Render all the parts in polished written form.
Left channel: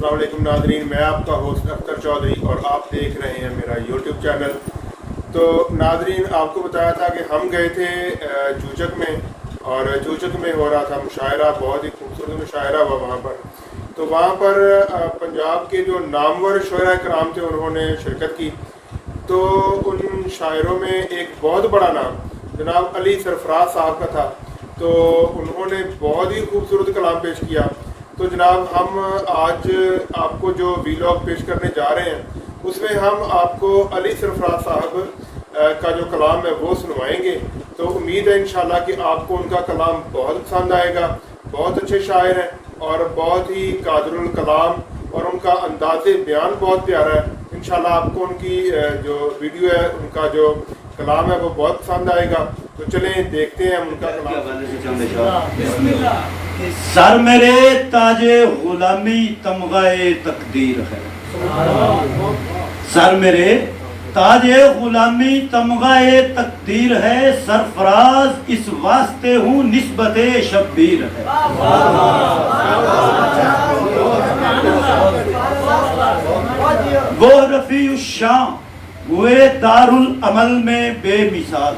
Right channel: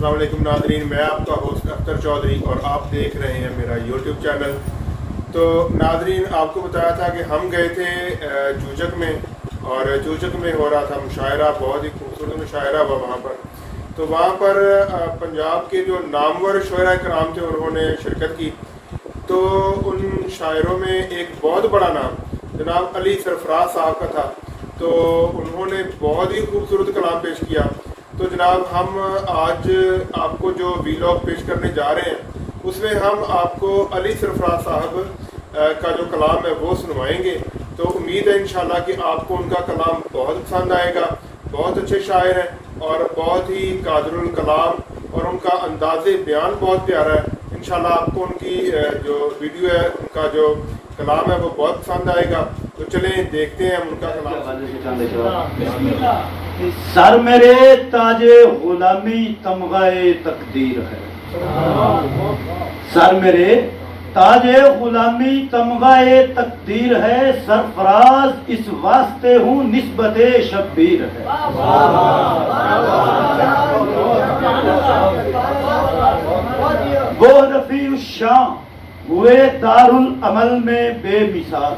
السلام علیکم ناظرین، میں آپ کا ہوسٹ اختر چودھری اور آپ دیکھ رہے ہیں میرا یوٹیوب چینل۔ تو ناظرین، آپ کو بتایا تھا کہ ہم گئے تھے چوچک میں، اور چوچک میں ہو رہا تھا مشاعرہ، بہت ہی خوبصورت مشاعرہ ہوا وہاں پر۔ تو وہاں پر پنجاب کے جو نامور شاعراء کرام تھے انہوں نے شرکت کی۔ تو ان شاعروں میں ایک بہت بڑا نام جناب علی سرفراز صاحب کا تھا، تو انہوں نے بہت ہی خوبصورت کلام پیش کیا۔ تو جناب ہم آج آپ کو جو ویلاگ پیش کرنے جا رہے ہیں اس میں ہم آپ کو علی سرفراز صاحب کا جو کلام ہے وہ سنوائیں گے۔ تو امید ہے انشاءاللہ کہ آپ کو ان کا کلام بہت پسند آئے گا۔ بہت اچھے شاعر ہیں اور بہت ہی قادر الکلام، اور ان کا انداز بیان بہت پیارا ہے۔ انشاءاللہ آپ کو ان کی جو ویڈیو ہے، ان کا جو کلام ہے وہ بہت پسند آئے گا۔ تو چلیں دیکھتے ہیں ان کا کلام۔ سر میرے تاج غلامی تمغہ تقدیر ہے، سر میرے تاج غلامی تمغہ تقدیر ہے، سرفراز اس واسطے ہوں نسبت شبیر ہے۔ وہ رفیع الشان ہوئے دارالعمل میں بے مثال،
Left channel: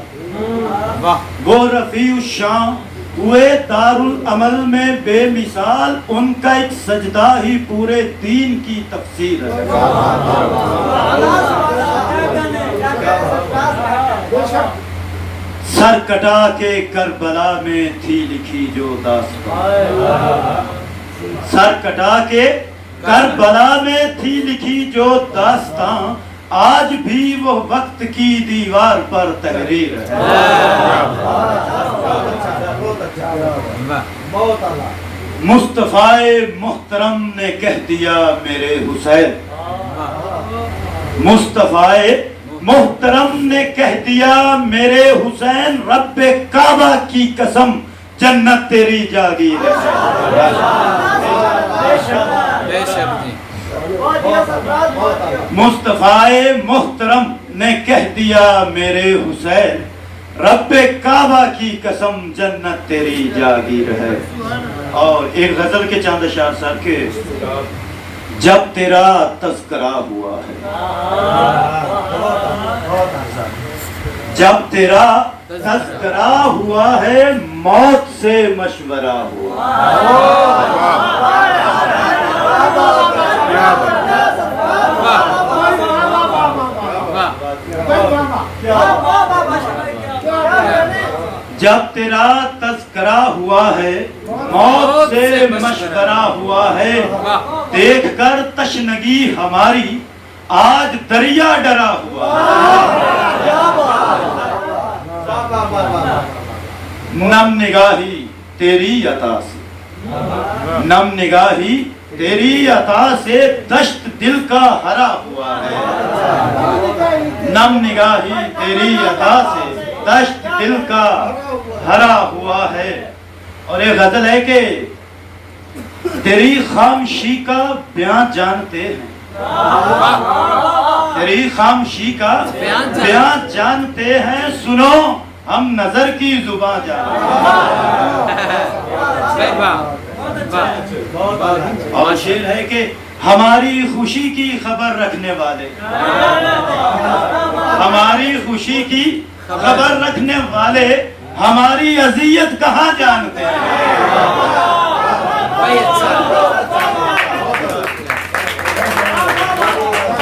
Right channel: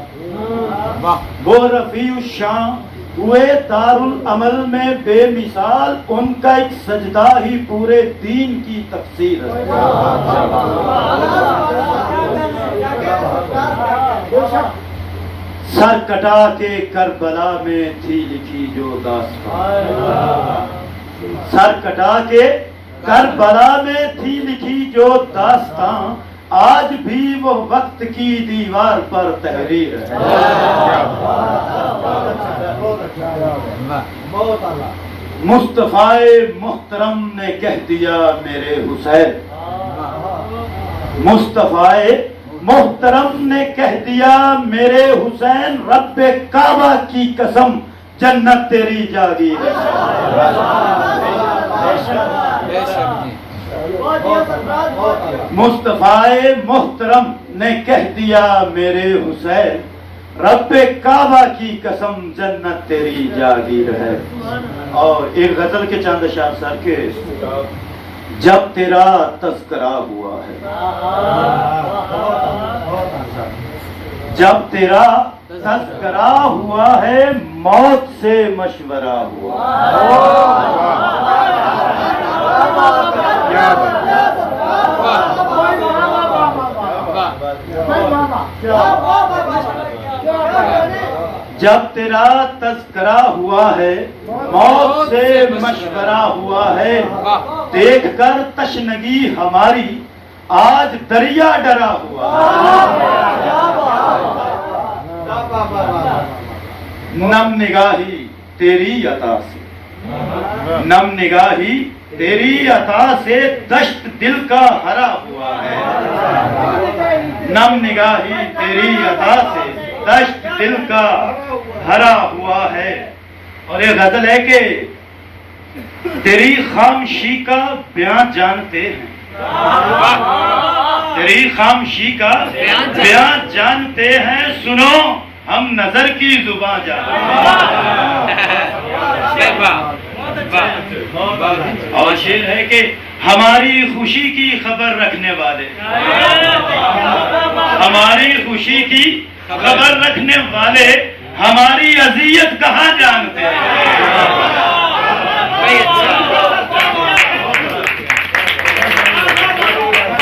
وہ رفیع الشان ہوئے دارالعمل میں بے مثال، ان کا ایک سجدہ ہی پورے دین کی تفسیر ہے۔ سر کٹا کے کربلا میں تھی لکھی جو داستان، سر کٹا کے کربلا میں تھی لکھی جو داستان، آج بھی وہ وقت کی دیوار پر تحریر ہے۔ مصطفیٰ محترم نے کہہ دیا میرے حسین، مصطفیٰ محترم نے کہہ دیا میرے حسین، رب کعبہ کی قسم جنت تیری جاگیر ہے۔ مصطفیٰ محترم نے کہہ دیا میرے حسین، رب کعبہ کی قسم جنت تیری جاگیر ہے۔ اور ایک غزل کے چاند اشعار سر کے، جب تیرا تذکرہ ہوا ہے، جب تیرا تذکرہ ہوا ہے، موت سے مشورہ ہوا۔ جب تیرا تذکرہ ہوا ہے، موت سے مشورہ ہوا ہے، دیکھ کر تشنگی ہماری آج دریا ڈرا ہوا ہے۔ نم نگاہی تیری عطا سے، نم نگاہی تیری عطا سے دشت دل کا ہرا ہوا ہے۔ نم نگاہی تیری عطا سے دشت دل کا ہرا ہوا ہے۔ اور ایک غزل ہے کہ تیری خاموشی کا بیان جانتے ہیں، تیری خاموشی کا بیان جانتے ہیں، سنو ہم نظر کی زبان جانتے ہیں۔ اور شعر ہے کہ ہماری خوشی کی خبر رکھنے والے، ہماری خوشی کی خبر رکھنے والے، ہماری اذیت کہاں جانتے ہیں۔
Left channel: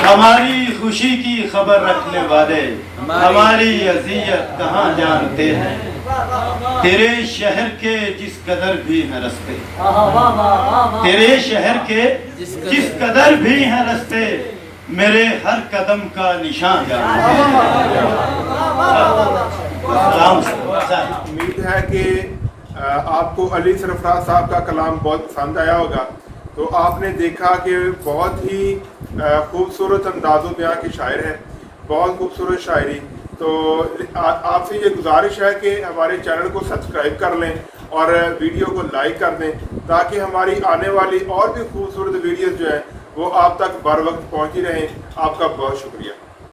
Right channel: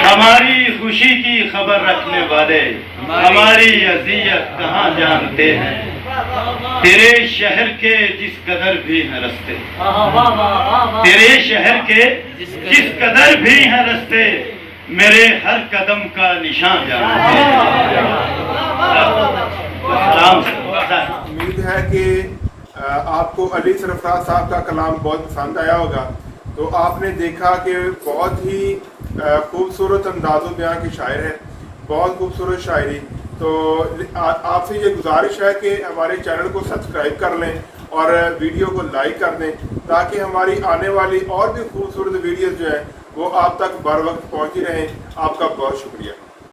ہماری خوشی کی خبر رکھنے والے، ہماری اذیت کہاں جانتے ہیں۔ تیرے شہر کے جس قدر بھی ہیں رستے، تیرے شہر کے جس قدر بھی ہیں رستے، میرے ہر قدم کا نشان جانتے ہیں۔ امید ہے کہ آپ کو علی سرفراز صاحب کا کلام بہت پسند آیا ہوگا۔ تو آپ نے دیکھا کہ بہت ہی خوبصورت انداز و بیان کے شاعر ہیں، بہت خوبصورت شاعری۔ تو آپ سے یہ گزارش ہے کہ ہمارے چینل کو سبسکرائب کر لیں اور ویڈیو کو لائک کر دیں، تاکہ ہماری آنے والی اور بھی خوبصورت ویڈیوز جو ہیں وہ آپ تک بر وقت پہنچی رہیں۔ آپ کا بہت شکریہ۔